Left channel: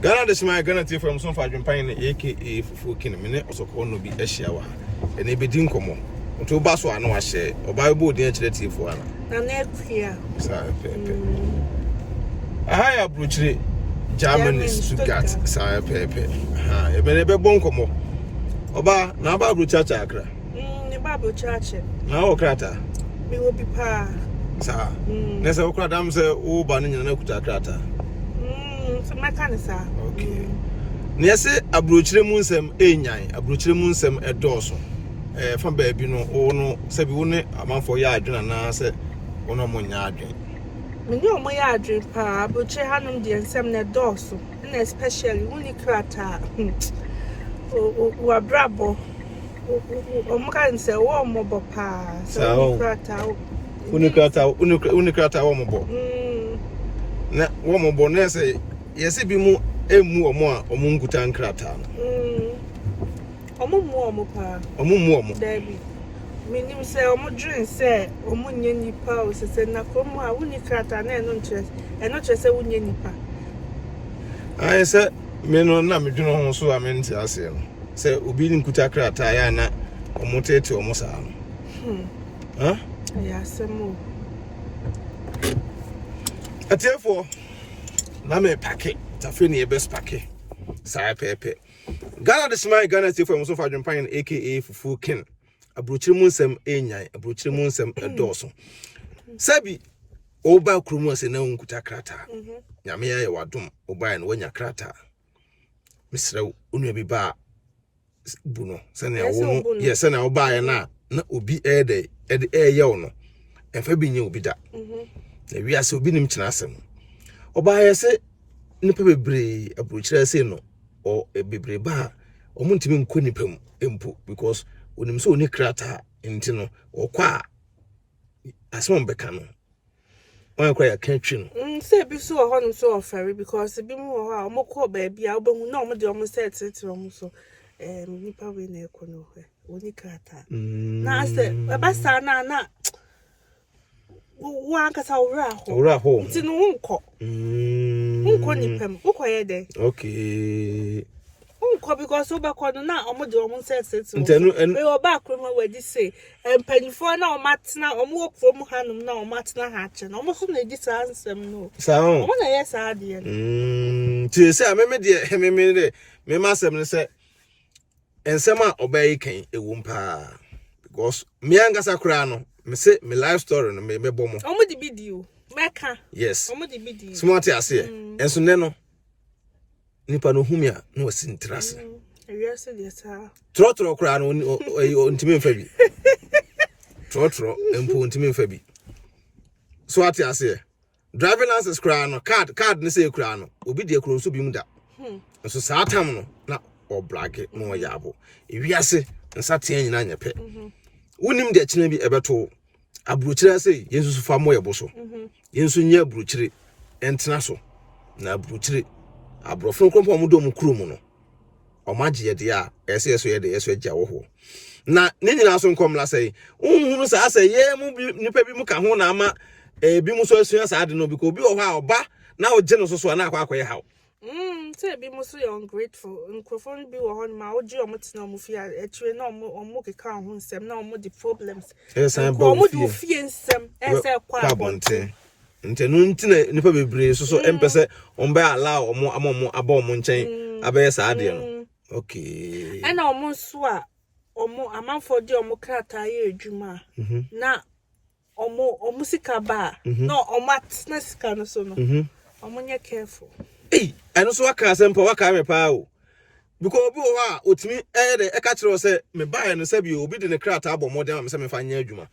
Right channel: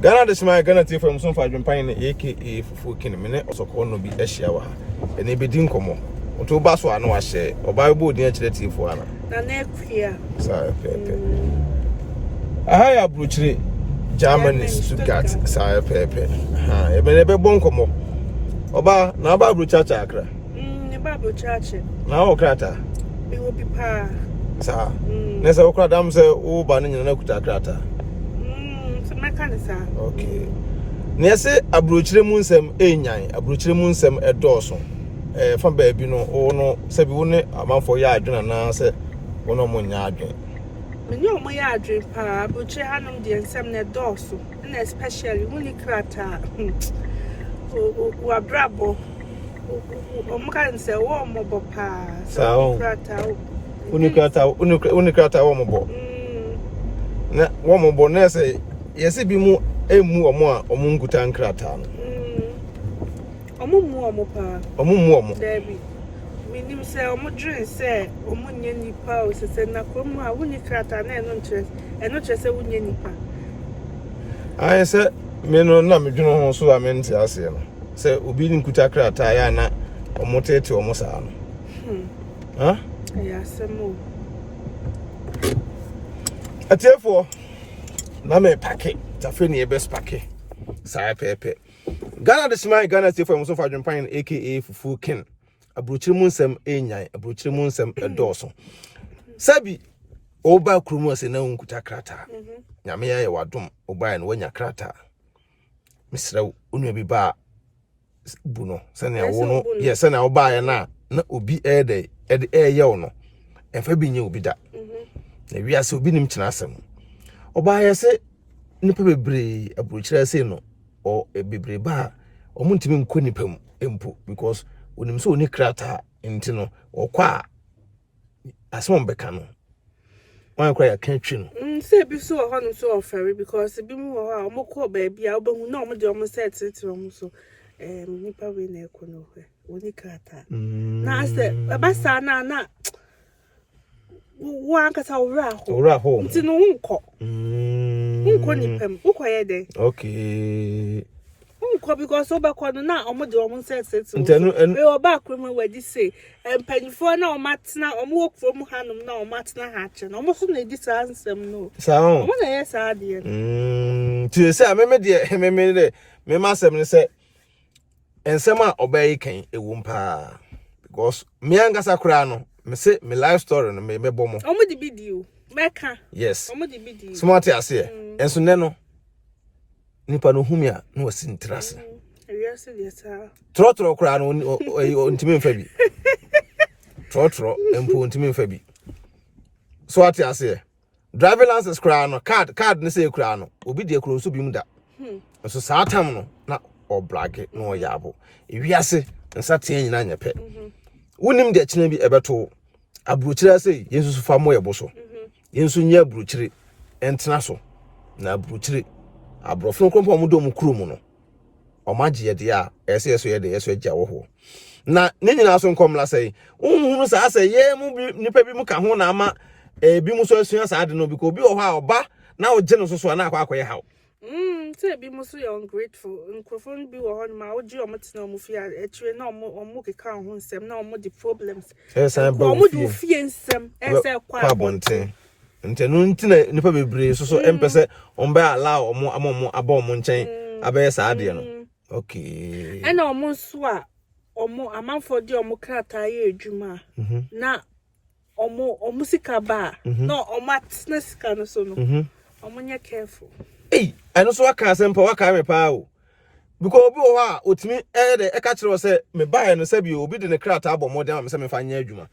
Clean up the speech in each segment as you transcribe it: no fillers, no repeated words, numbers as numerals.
Ghana this my Ghana tea from some Adwenepahene aka Fufu King mene osoko no bi ehia wa ene bedi nkomo to ba so ano ahye oba bo di akire tea fo ana na Nkrata sa pepe aha Abrokyire Germany Stuttgart sa pepe ha e bene be bon nkomo oba na ba Abrokyire akra ne ba Abrokyire na o krata me will be pa sa ne se o krata am se o ba no nyina na kuta krata okay. Nese Abrokyire mu nsem enyan, Abrokyire mu nsem edoso. Fa baabi no o no se bi wo ne amanfo ya adwena na se wono mo nya adwen. Me nye omo ya adwen pa, Abrokyire hanom de nsem na edoso. Na especially only Nkrata. O abrabo. O kan se wo mo bo pa. So Nkrata. Nkrata wo mo bo. Na wo mo bo na se yesi bi mu emu omo a omo nkuta Nkrata no omo mu omo pa omo David me nim say omo dream say omo nya nipa o se na komu a woni Nkrata na eno nche se wonya nipa ai se me no na me dwuno ho so a me nti ase no se obi nkuta Nkrata ya na omo tete omo sa no ha ya semo atiefo na me pake tafeni best pake sa pepe Ghana this my Ghana tea from some Adwenepahene aka Fufu King Abrokyire mu nsem enyan Abrokyire mu nsem edoso sabi oba krumu ase na nkuta Nkrata nyame ya wadom oba na wanya Nkrata misra onu bi ba buno sene wo no yes na oba ya na obi ede ye wo no emfa bi nye obi da na wiase obi nim kyena asem oba ya se nipa bebre Abrokyire ase no o bebre ba o muntimi nko nipa mu empo because onim so oni Nkrata enti no okwa asem beka no wan kwa ya kantwi no say bi so ho no so ofere because bi mu ho a omokọ ba bia obehu na omde omo set omo so nipa we na ekọ no hwe oni Nkrata na say basa na wan kasa owra ho nti no nko nko nipem ukoye de okay nko because obekọ no na omode omo sex ntenu we oba kroma wadi say empanifo na omatena omo okrom hanum na omatena ha che na omo so na edi sansem no sa omo na yes ade ti say ameme de meme de me masem ne say ensem a obayi kan ewumpa because me angasa kura no me say me life story no me bomo omo di video meka yes omo di video smart ase enso ne no nipa no humia no wasintrase yes yes trotro kura no ntimi mfa bi trotro empo ntimi mfa bi so ate ase driving license kura no card ne say kura no obi de kuro nso bi mu da so saa tam no na obrage no yabo ewiase nsa tie nyina nyepe wonim de kina bi ebeto Abrokyire ase yensu fa mo yebo so yensu nya Abrokyire entena so na Abrokyire abrofo krompo mo do mu krumu no omagye yede a ese yeso yede yeso agya wo ho na ne nyina so nkomla sei unhu sa ase ye mu nipa bi mu ka ho na ama bi mu so esua sa ade no bi ko bi wo ho a oba na o gye no so na akwa hawo say bi mu so you ungrateful nkrofon bi wo ho ma o gye omotina omo fi atwe na omo keka ho nsem na omo the problems omo du fi nsem ese kwa bonten ntenu ntina nipa bebre so empese omba allow omo amomo aba omo nchen abaye sa ade no okay ena omo so a omo amanfo de omo Nkrata ye adwuma na omo sika ba na omo atna sika no so no omo nya careful eno so waka sempa waka me pa o because obi wo ha otimi de eka kire say me buy no sabi obi de ne Nkrata abo modern am say me fa nya adwuma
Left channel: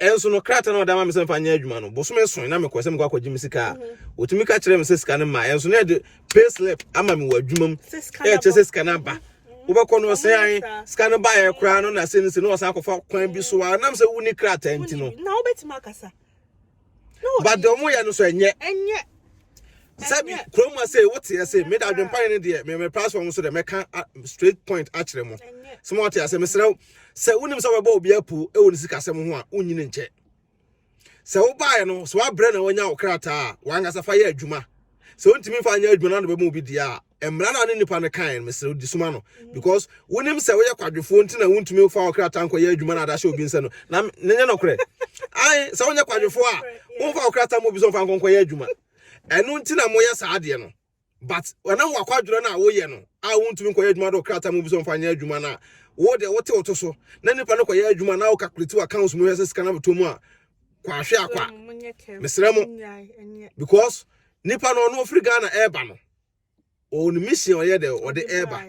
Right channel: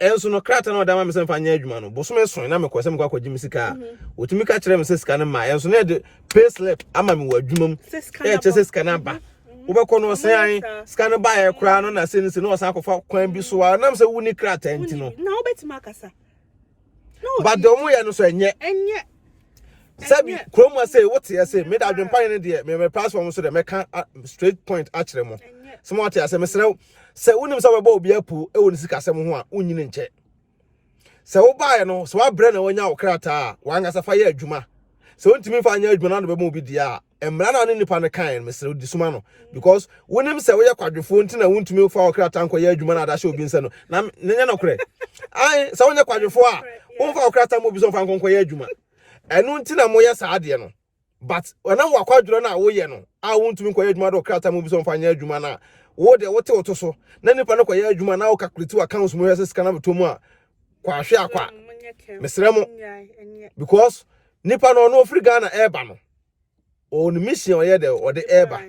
enso no Nkrata na odama me say fa nya adwuma no boso me son na me kwase me kwa kwaji me sika otimi ka kire me say sika na ma enso na de pay slip ama me wa adwuma m che sika na ba ubekọ no say an sika na ba ya kra no na say no no san akofa kwan bi so a na me say wuni Nkrata enti no na obetima akasa no but the omo ya no so enye sabi kroma say what you say me da Adwenepahene de me platform so de meka straight point akire mo smart ya say me se unim so baba obi apu e woni sika sem ho a unyine nche se wo baaye no so abrɛ na wonya wo Nkrata a wanga safa ye adwuma so ntimi fa anya adwuma na be mo bi dia emra na ne nipa ne kan mesre di suma no because wonim se wo ye kwadwefo ntina wontumi fa okrata nko ye adwuma na da hye obi nse no na nenya no kre ai se wo nye kwadwefo a wo fa okrata mo bi so fa nko ye adwuma enu ntina mo ye sa de no but wana wo akwadwero na wo ye no a wontumi nko ye adwuma do okrata mo bi so fa nya adwuma na wo de wote woto so na nipa no ko ye adwuma na wo calculate accounts mo ye se sika na betomu a kwa hwe akwa mesre mo because nipa no free Ghana eba no o ni mission ye de o de eba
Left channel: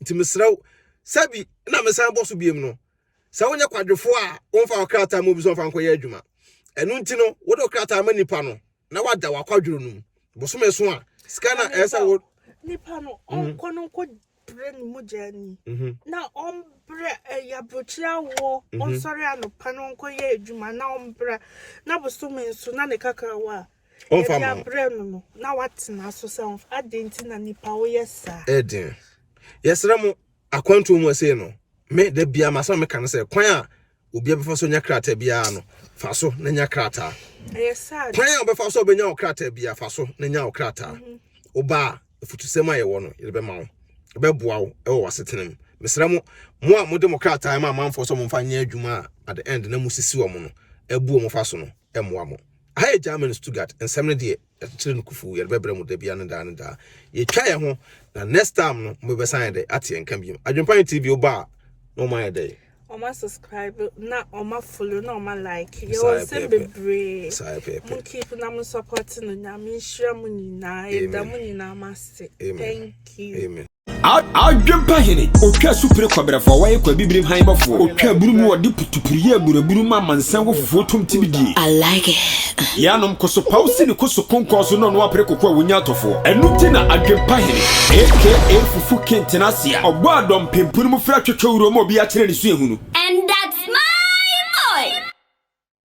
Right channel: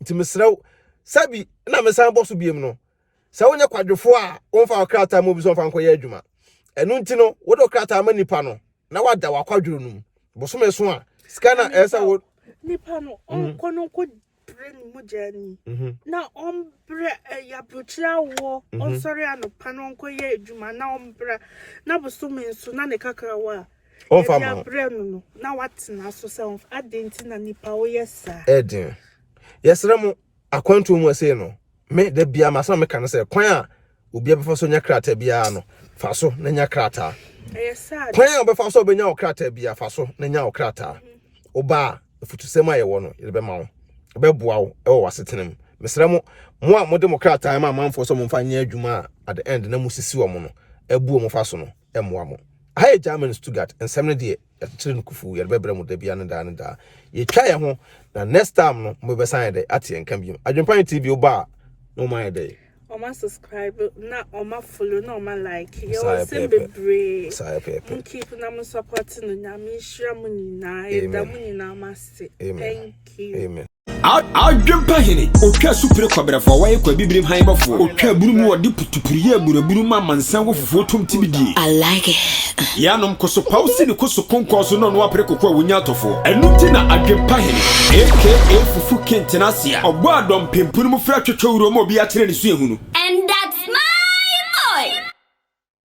nti mesrew sabi na mesan boso biem no sa wonya kwadwefo a wonfa okrata mo bi so fa nko ye adwuma enu nti no wo de okrata ma nipa no na wada wakwadwero num boso meso a scanner esa wo nipa no onko no ko brain mu jani na ombre ya Abrokyire wo onsori anopa no nko ye adwuma na ombre na boso menso na ne kakarawa on fama no na watina so se adenti na nipa wo yesa edin yesra mu akwantu mu ase no me da bia maso me kan se kwan a obi abefa so nya krata bia no fa so na nya krata yesa kwan a obefa so obenya okrata bia fa so na nya okrata oba futusema ye wo no ye be ma wo be boa wo e wo wasetenem mesra mu mo a mo demokrata ma manfo so mo fa nya adwuma at the end na musisi wo mo no ebu mo fa so no e moa mo Hi German Stuttgart and 70 at Kufu, your Bebra Mudebian and da. Ye try a home, the next time no move aside the Ati and Cambium. I jump on TV bar, no my day. On my subscribe, not on my follow, no my like. You're simply brave. Keep them supporting the Namishamuni na, the money now must say. Thank you. Amen. Adwenepahene otwa supre kwabra for waye kwa bibrim han bafo otwa burumu wode putupuriye buraburu ma mansan wo fufu tomtibidi I like it yanom koso pause ni koso konkoso no no apre kokwa wonya tofo enuti na Adwenepahene aka fufu kentenasia ogbo adom pempunu mu fra twetwa uro ma obi a kire ne su ehunu